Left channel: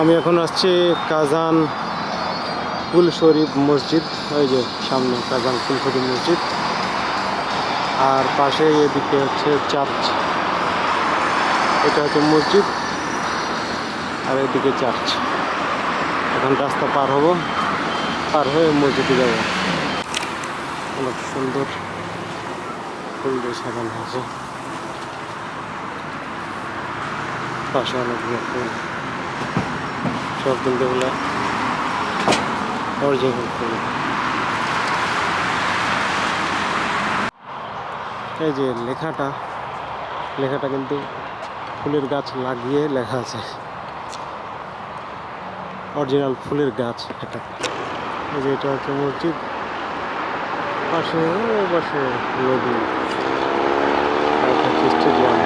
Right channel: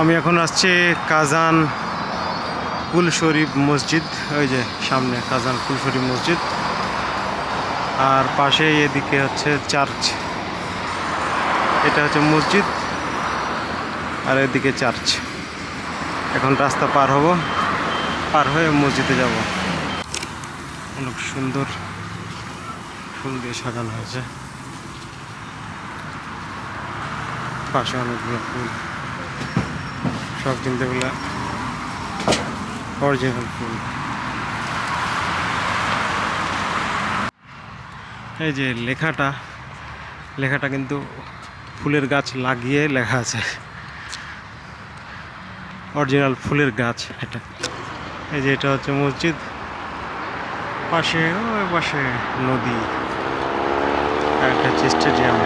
আমি এখন আসছি কাজান কুল শরীফ মসজিদ। ওই যে সামনে কাজান কুল শরীফ মসজিদ, আর পাশে এদিকে হচ্ছে চার্চ। এটা হচ্ছে মসজিদ আর এদিকে চার্চ। এখন রাস্তা পার হব, পার হয়ে মসজিদে যাব। অনেক সুন্দর ফুল দিয়ে সাজানো হয়েছে, পাশে অনেকগুলো ফুল, সব দিনগুলো অরিজিনাল ফুল। এই যে লেখাটা কিন্তু ফুলের গাছ লাগিয়ে লেখা আছে, অরিজিনাল ফুলের গাছ এটা। এই যে এটা হচ্ছে মসজিদ, পাশে ওই পাশে নদী, একটা হচ্ছে স্টেডিয়াম,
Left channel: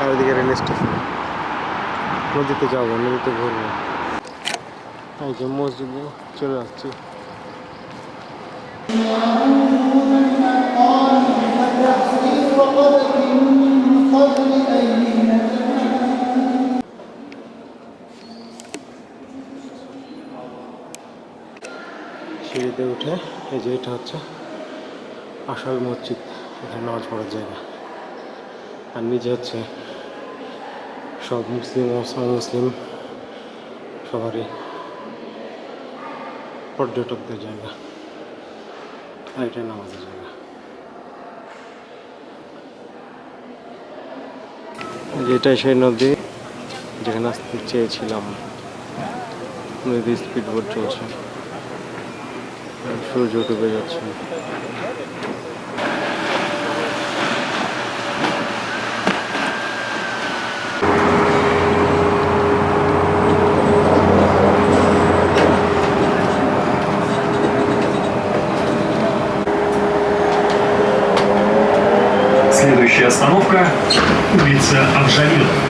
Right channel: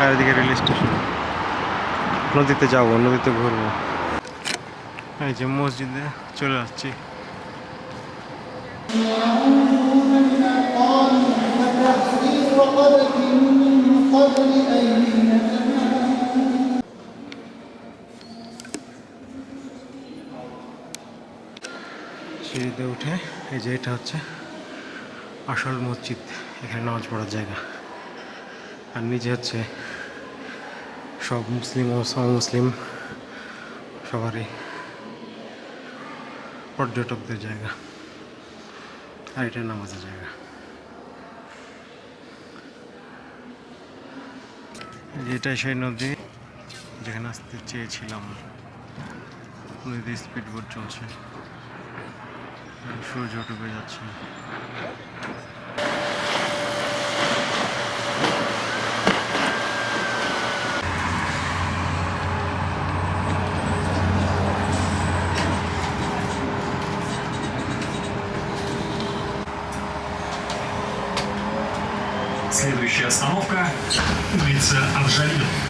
আর এদিকে রেল স্টেশন। নদীতে যাবো, নদীতে ঘুরবো। এই যে মসজিদে চলে আসছি। সিঁড়িতে উঠে এই যে এটা হচ্ছে আসল মসজিদ, এখানে নামাজ পড়ার জায়গা। আর নিচে হচ্ছে সব মুসলিম মুসলিম সবারই পর্যটকদের জায়গা, আর এটা নামাজের জায়গা। এটাই সেই নদী যেখানে আসতে চেয়েছিলাম। নদী স্পিড বোট চলছে, সূর্য ডুবে যাচ্ছে। Следующая остановка – улица Авжалил.